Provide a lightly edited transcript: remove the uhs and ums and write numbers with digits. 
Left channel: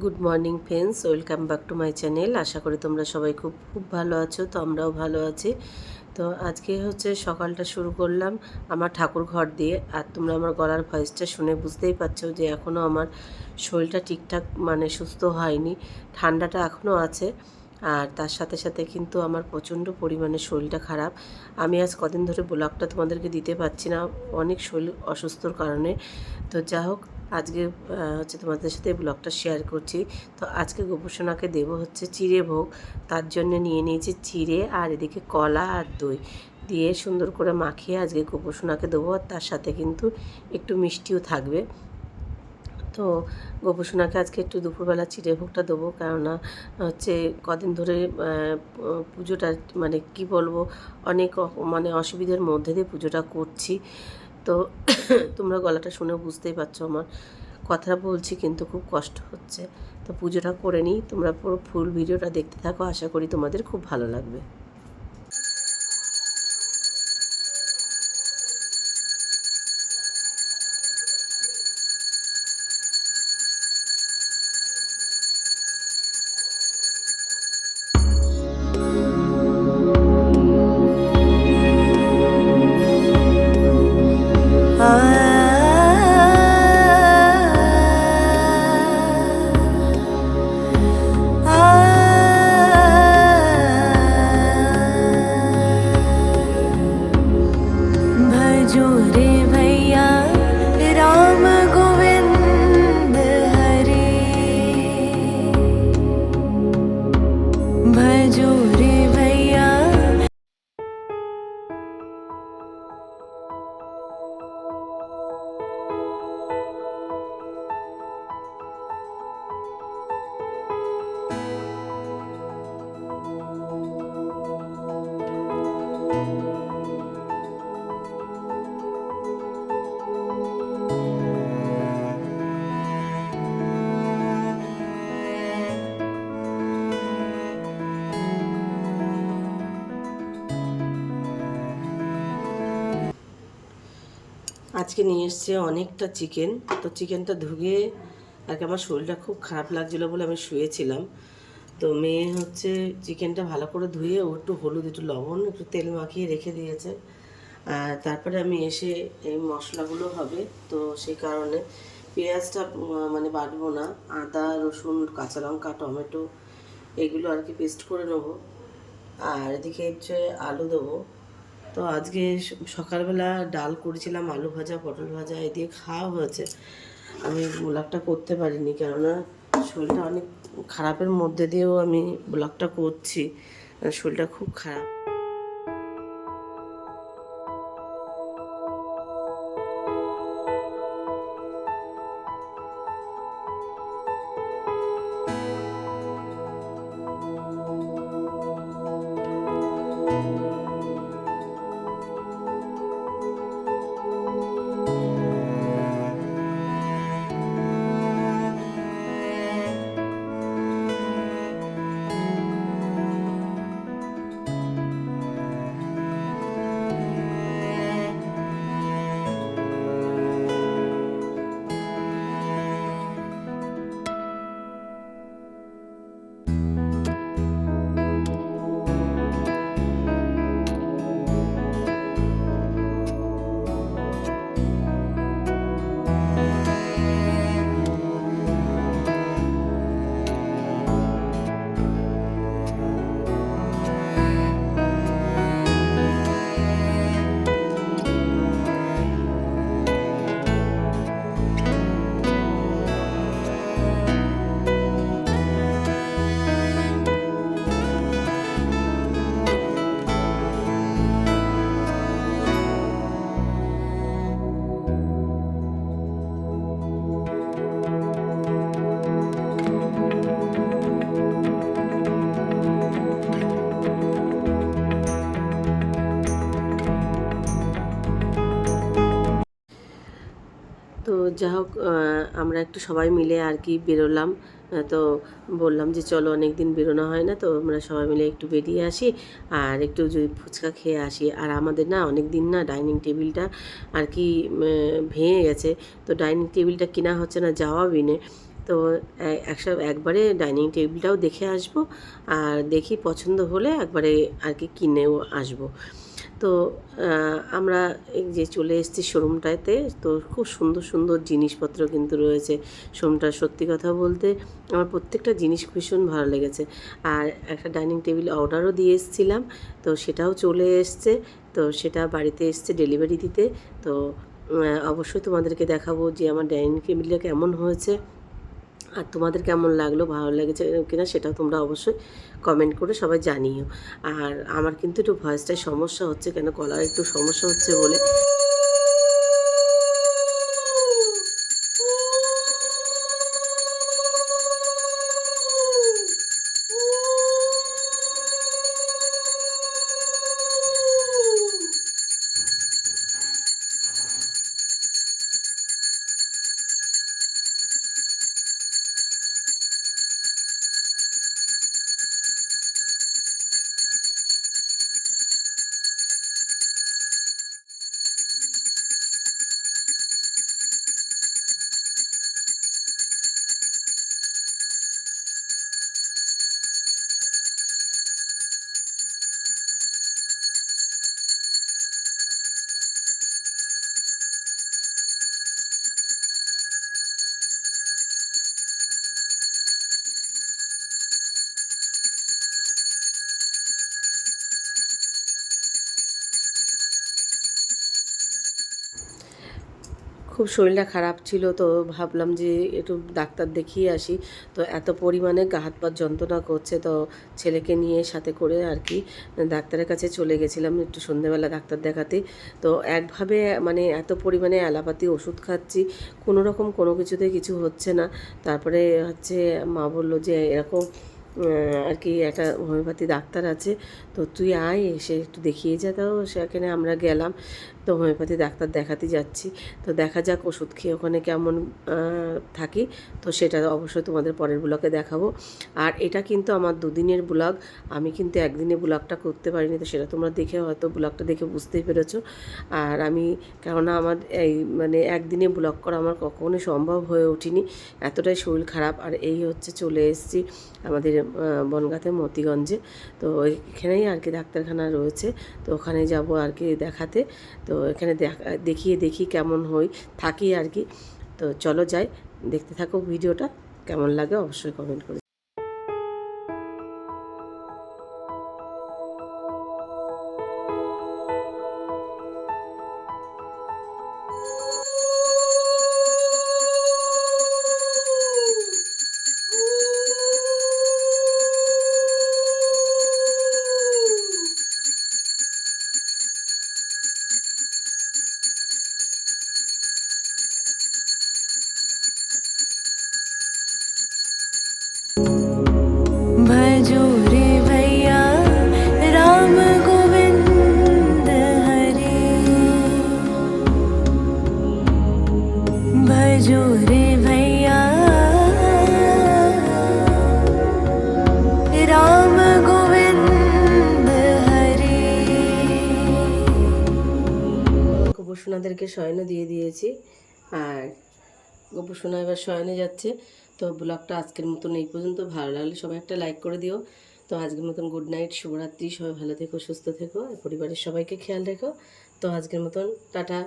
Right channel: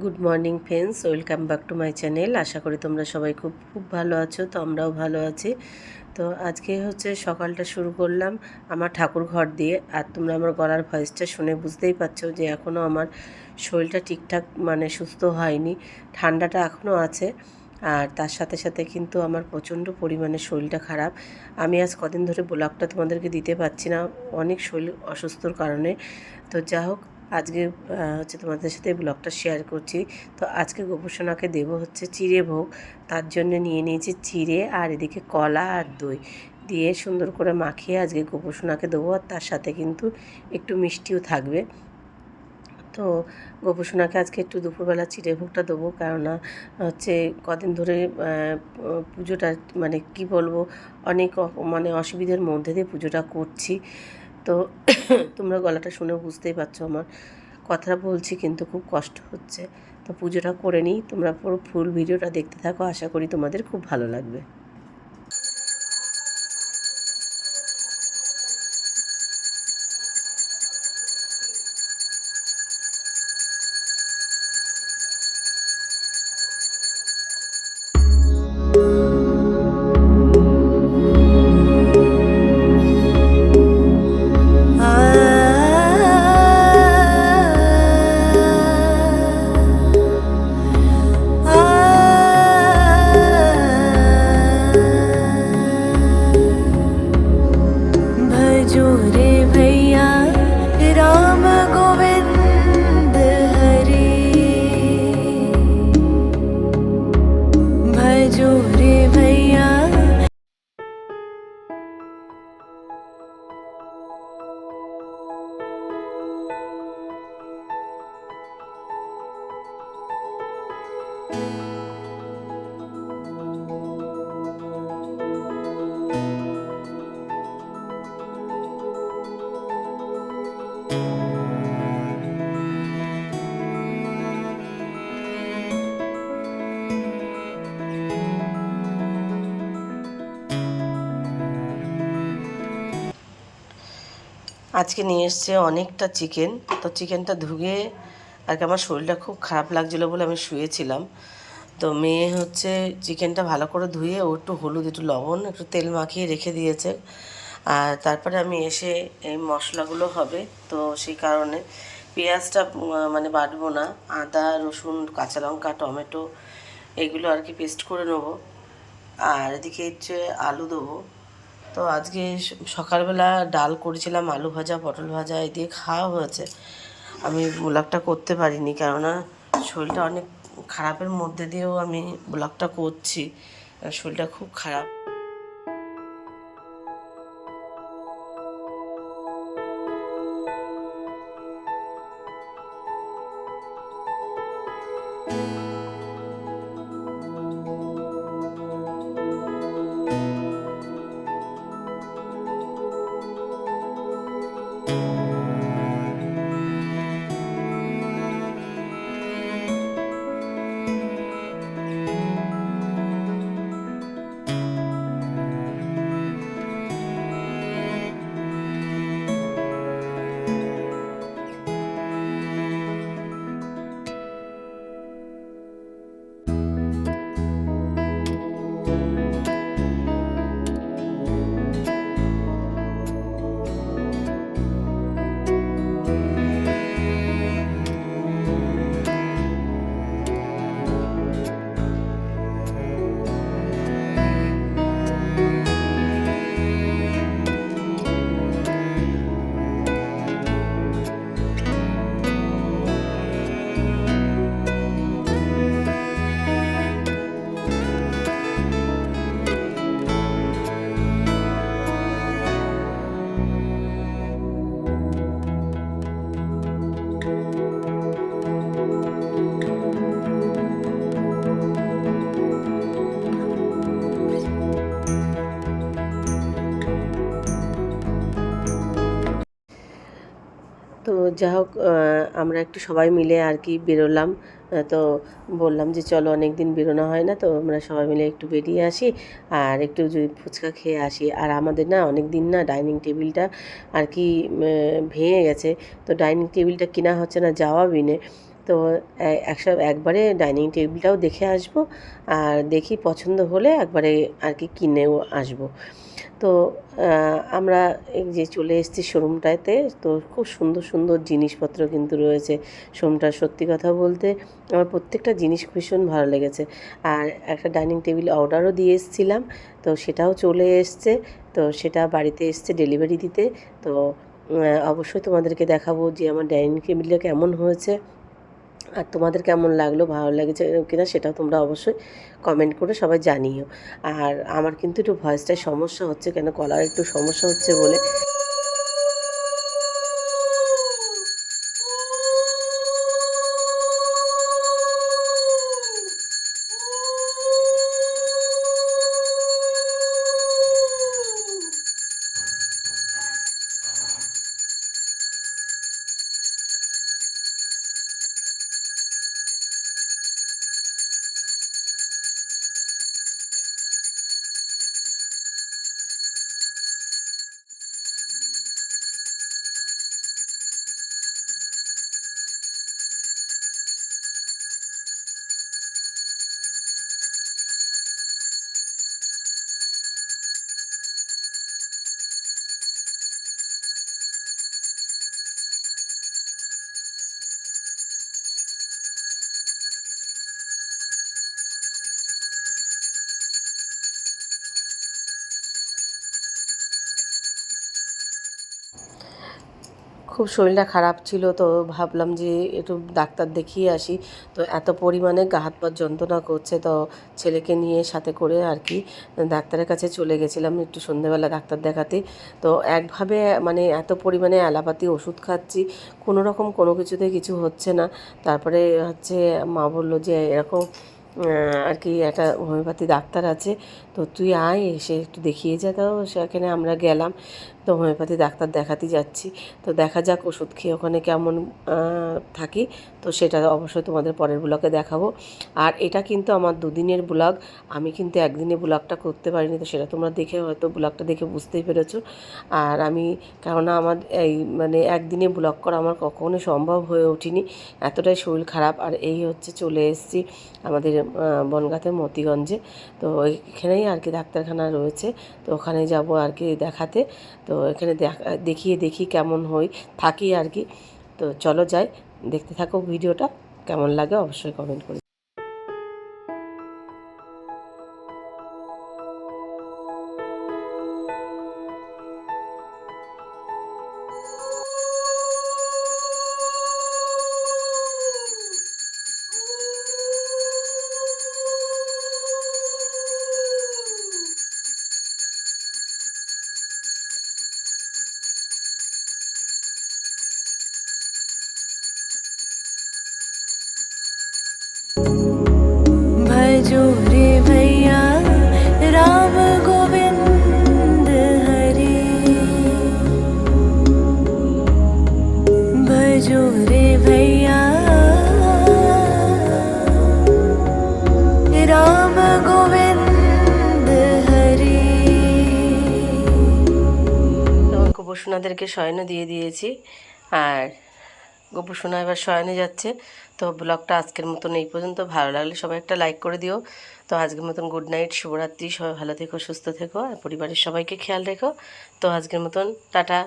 Good morning friends, welcome back to my channel. আশা করি তোমরা সবাই খুব খুব ভালো আছো। তো আমরাও ভালো আছি। তো আজকে হচ্ছে সকালটা শুরু করলাম আমার ঠাকুর ঘর দিয়ে। আর তোমরা আমার গলার ভয়েসটা শুনে বুঝতেই পারছো যে এখনও আমার শরীরটা ঠিকঠাক মানে সুস্থ হয়নি, ঠান্ডাটা এখনও আছে। আর তার সাথে সাথে কিন্তু আমার প্রচণ্ড পরিমাণে শরীরটা খারাপ। আমি আজ কদিন ধরে ব্লগটা তোমাদেরকে দিতে পারছি না, অনেক শরীর অসুস্থর কারণে। তো যা হোক, আজকে হচ্ছে তোমাদের সাথে ব্লগটা শেয়ার করছি। তো আজকে গোপুসোনাকে দেবো হচ্ছে চিড়ে ভোগ। তার জন্য নিয়ে নিয়েছি চিড়ে, আর এদিকে কলা আর দই দিয়ে সুন্দর করে মাখিয়ে আজকে গোপুসোনাকে দেবো। আর তার সাথে কিন্তু একটু মিষ্টিও থাকবে। তো গোপুসোনাকে আজকে একটু দুপুরবেলা চিড়ে ভোগটা দেবো, কেননা হচ্ছে কদিন ধরে পুজোটা মানে কি বলবো, অনেক মানে অসুবিধার মধ্যে দিয়ে পুজোটা করছি। তো তোমরা গলাটা শুনে বুঝতেই পারছো, আমার কথা বলছি কিন্তু খুব কষ্ট হচ্ছে। তো পুজোটা করে নিই, তোমরা পুরো ফুল ভিডিওটা দেখতে থাকো, আশা করি তোমাদের খুব ভালো লাগবে। भजो रे भैया राम गोविंद हरे, भजो रे भैया। আজকে নিয়ে এসছে অনেকটা চিকেন। তো চিকেনটা ধুয়ে আর কি আমার শরীরটা খুব খারাপ লাগছিলো বলে আমি শুয়েছিলাম। তো মেয়ে হচ্ছে চিকেনটা ভালো করে ধুয়ে ও একটু হলুদ, একটু লবণ, একটু তেল মাখিয়ে রেখে দিয়েছে। আর তারপরে আমি এসে এই মশলাগুলো হবে, তো সেই কারণে পেঁয়াজটা মানে বাটবো না, আদা রসুন কাঁচা লঙ্কা টমেটো এগুলো আর কি পেস্ট করে নেবো। আর এদিকে হচ্ছে আলু দেবো। তো আজকে সকালবেলা ডাল করেছিলাম, আলু ভাজা পটল ভাজা এই দিয়ে খাওয়া হয়েছে। আমি ব্লগটা করতে পারিনি, কেননা শরীরটা অনেক খারাপের মধ্যে দিয়েও আমি ব্লগটা করছি, শরীরটা খুব খারাপ। তো যা হোক, আমরা একটু সবাই মিলে আর কি বেরোলাম। তো বললাম যে চলো, অনেক দিন বেরোনো হয় না, তো আমরা সবাই মিলে একটু বেরিয়ে আসি আর একটু যদি ফুচকা খেয়ে আসি। আর আমাদের না অনেক দিন না ডাইনিং টেবিলটা আর কি ভেঙে গেছে। তো ডাইনিং টেবিলটা কেনা হচ্ছে না, যাওয়া বিনে। তো একবারে ডাইনিং টেবিলটাও দেখে আসব, আর দেখি পছন্দ হলে একবারে আর কি কিনেও আসব। তো আমরা এই যে চলে এসেছি শোরুমটাতে। তো খুব সুন্দর সুন্দর জিনিসপত্র কিন্তু রয়েছে শোরুমটা। সত্যি কথা বলতে আমার প্রত্যেকটা জিনিস ভীষণ ভালো লেগেছে। আর একটা ডাইনিং টেবিল অর্ডারও দিয়ে এসেছিলাম, তো সেটাও চলে এসছে। তো সেটা বাড়িতে এসছে ডেলিভারি দিতে। তো অবশ্যই তোমাদেরকে দেখাবো যে আমার ডাইনিং টেবিলটা কেমন হয়েছে, আর তোমাদের কেমন লাগলো, ভালো লেগেছে কিনা সেটাও তোমরা অবশ্যই কমেন্ট করে সবাই জানিও। আর আমার কিন্তু একটু ভয়েসটায় সমস্যা হচ্ছে, কেন গলার একটু সমস্যা হচ্ছে বলে। খুব শরীরটা খারাপ ছিল, তো ভাবলাম যে একটু ডাক্তার দেখিয়ে আসি। তো এত পরিমাণে গা হাত পা যন্ত্রণা করছে, তো ছেলেকে নিয়ে সাথে করে আর কি ডাক্তারের কাছে চলে গেছিলাম একটু সন্ধ্যেবেলা ডাক্তার দেখাতে। তো একভাবে মানে এত পরিমাণে অ্যালোপ্যাথি ওষুধ খাচ্ছি, কোনো রকম কোনো কিছুতে কিছু হচ্ছে না। তারপরে হচ্ছে মা বললো যে এরকম আর কি একটা হোমিওপ্যাথি ডাক্তার আছে, তো তুই আয় এসে একটু দেখিয়ে যা। তো সেখানে আমরা গেলাম, তো হোমিওপ্যাথি ডাক্তার দেখাতে যাচ্ছি। তো দেখা যাক ওষুধ খেয়ে ওখানে কেমন থাকি। তো সেটা অবশ্যই তোমাদের পরের ব্লগে দেখাবো। আর এটা কিন্তু আমার দুদিনের ব্লগ, আমি কিন্তু একদিনে ব্লগটা করতে পারিনি। তো সেটা তোমরা দেখে হয়তো ব্লগটা দেখে বুঝতেই পেরেছো। আর আমি কেননা আমার এই মানে একদিনে ব্লগ করা আমার কখনোই সম্ভব হয়ে ওঠেনি, এতটাই শরীর খারাপ। আর এই হচ্ছে চলে এসেছি আমাদের বনগাঁতে মতিগঞ্জে। তো এখানেই আর কি ডাক্তারখানা রয়েছে, তো ওখানে যাব আর কি দেখাতে। তো এখানে দেখিয়ে দেখি কেমন থাকি আর কি। তো চলো যাই, দেখতে থাকো ভিডিওটা, কেমন লাগে অবশ্যই কমেন্ট করে। भजो रे भैया राम गोविंद हरे, भजो रे भैया राम गोविंद हरे। তো গোপসোনাদেরকে শয়নও দিয়ে দিয়েছি, আর গোপসোনা এবার শয়নে যাচ্ছে। তো ব্লগটা আজকের মতন এই পর্যন্ত। ভালো লাগলে সবাই একটা লাইক করে দিও। তো আজকের মতন গুড নাইট, শুভরাত্রি। সবাই ভালো থেকো, সুস্থ থেকো, আর পরিবারের সবাইকে খেয়াল রেখো। তো আজকের মতন টাটা।